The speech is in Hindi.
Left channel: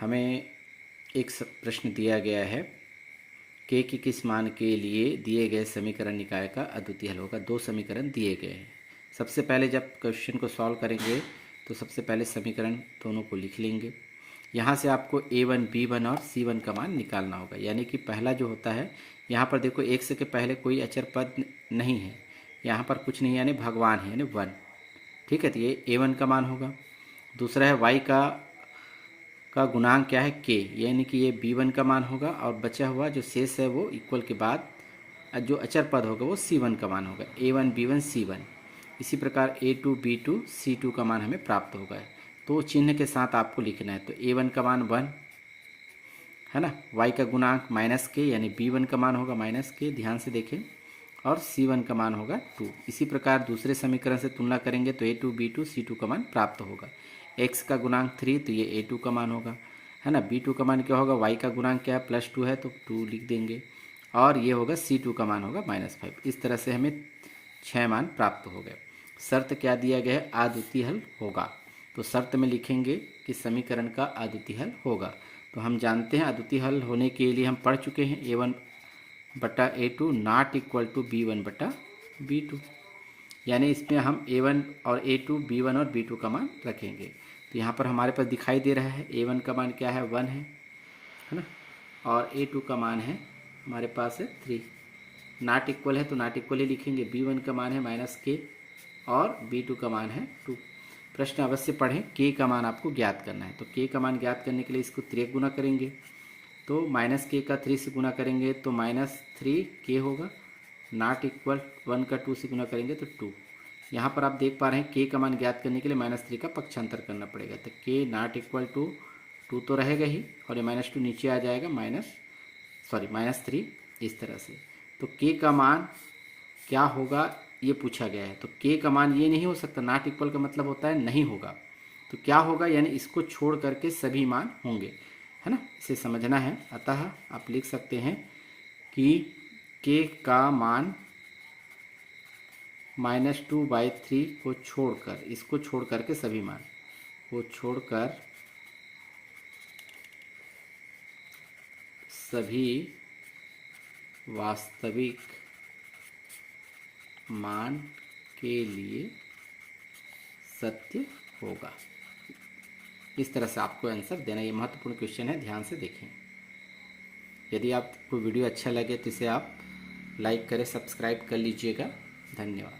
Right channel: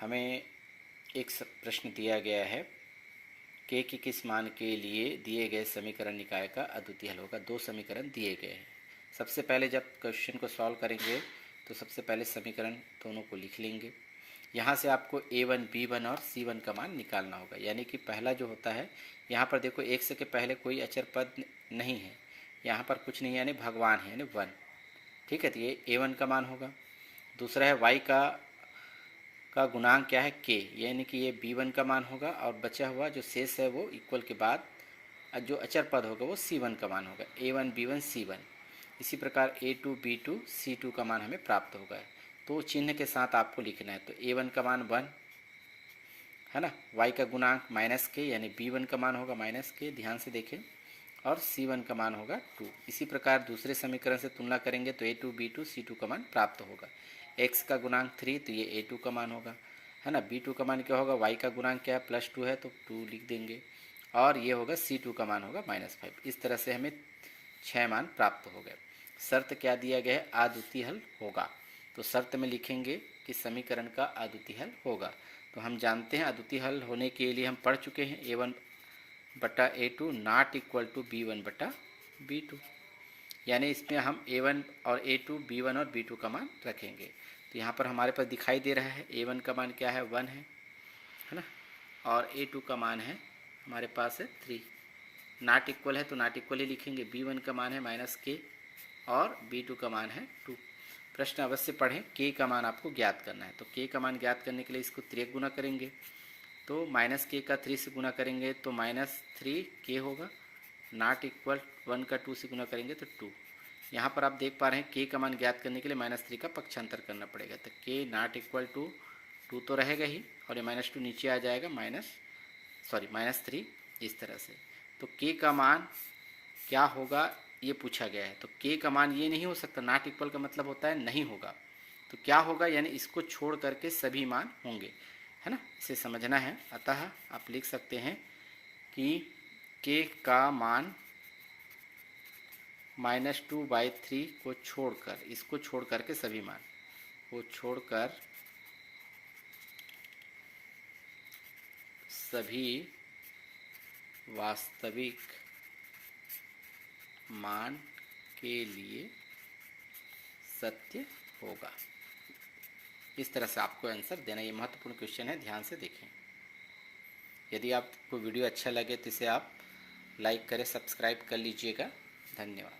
हमें एक प्रश्न दिया गया है के की किस मान के लिए दिए गए समीकरण निकाय का अद्वितीय हल होगा। दो समीकरण दिए गए हैं। सबसे पहले जब क्वेश्चन को सॉल्व करेंगे तो सबसे पहले समीकरण दोनों को लिख लेंगे। यहाँ से आपको a1 b1 और c1 का मान निकालना होगा। यानी कि पहला जो होता है, यहाँ पर देखो x के पहले कोई अचर पद नहीं है, यहाँ पर कुछ नहीं यानी भगवान है यानी 1। ठीक है, तो ये a1 का मान होगा। दूसरा है y का गुणांक क्या है k, यानी कि ये b1 का मान होगा। और बचा हुआ जो शेष है वो इक्वल के बाद जो अचर पद होगा वो c1 का मान होगा। a1 b1 c1। इसी प्रकार a2 b2 c2 का मान हमें प्राप्त होगा। तो चिन्ह के साथ आपको लिखना है। तो a1 का मान 1 है ना, y का गुणांक -k यानी b1 का मान होगा -k, ध्यान से देखें, और c1 का मान होगा 2। इसी प्रकार दूसरे समीकरण से तुलना करेंगे तो a2 b2 c2 का मान प्राप्त होगा। x का गुणांक 3 तो ये a2 का मान होगा, है ना। b2 का मान क्या होगा, y का गुणांक क्या है +2 है तो 2 लिख देंगे, और ये होगा c2 का मान होगा -5। इस तरह से हमें 6 मान प्राप्त हो गए। शर्त क्या दिया गया है, अद्वितीय हल होगा। तो शर्त में लिखेंगे कि समीकरण का अद्वितीय हल होगा। तो हम जानते हैं अद्वितीय हल होने के लिए हम पढ़ चुके हैं a1 बटा a2 not equal to b1 बटा b2, यानी इसमें हम a1 और a2 b1 और b2 का मान रखेंगे। तो यहाँ पर हमारे पास दिखाई दे रहा है a1 का मान क्या है 1 है ना, और a2 का मान है हमारे पास है 3। नॉट इक्वल है तो नॉट इक्वल ही लिखेंगे। b1 का मान है -k और b2 का मान है 2। प्रश्न अवश्य पढ़ें, k का मान आपको ज्ञात करना है। तो k का मान ज्ञात करने के लिए इसको 3 गुना करेंगे, तो -k का 3 से गुना करेंगे तो -3k होगा। नॉट इक्वल 1 का 2 से गुना करेंगे तो 2। यहाँ पर आप देख पा रहे हैं k का मान ज्ञात करने के लिए -3 का पक्षांतर करना पड़ेगा। तो k नॉट इक्वल टू 2 तो रहेगा ही, और ये -2 नीचे आ जाएगा -3 इस तरह से। तो k का मान क्या होगा ये पूछा गया है। तो k का मान ये नहीं हो सकता, नॉट इक्वल का मतलब होता है नहीं होगा। तो क्या होगा, यानी इसको छोड़ करके सभी मान होंगे, है ना। इसे समझना है। अतः आप लिख सकते हैं कि k का मान -2/3 को छोड़कर, इसको छोड़ करके सभी मान को छोड़कर सभी वास्तविक मान के लिए सत्य होगा। इस तरह से आपको आंसर देना। ये महत्वपूर्ण क्वेश्चन है, ध्यान से देखें। यदि आपको वीडियो अच्छा लगे तो इसे आप लाइक करें, सब्सक्राइब कर लीजिएगा। धन्यवाद।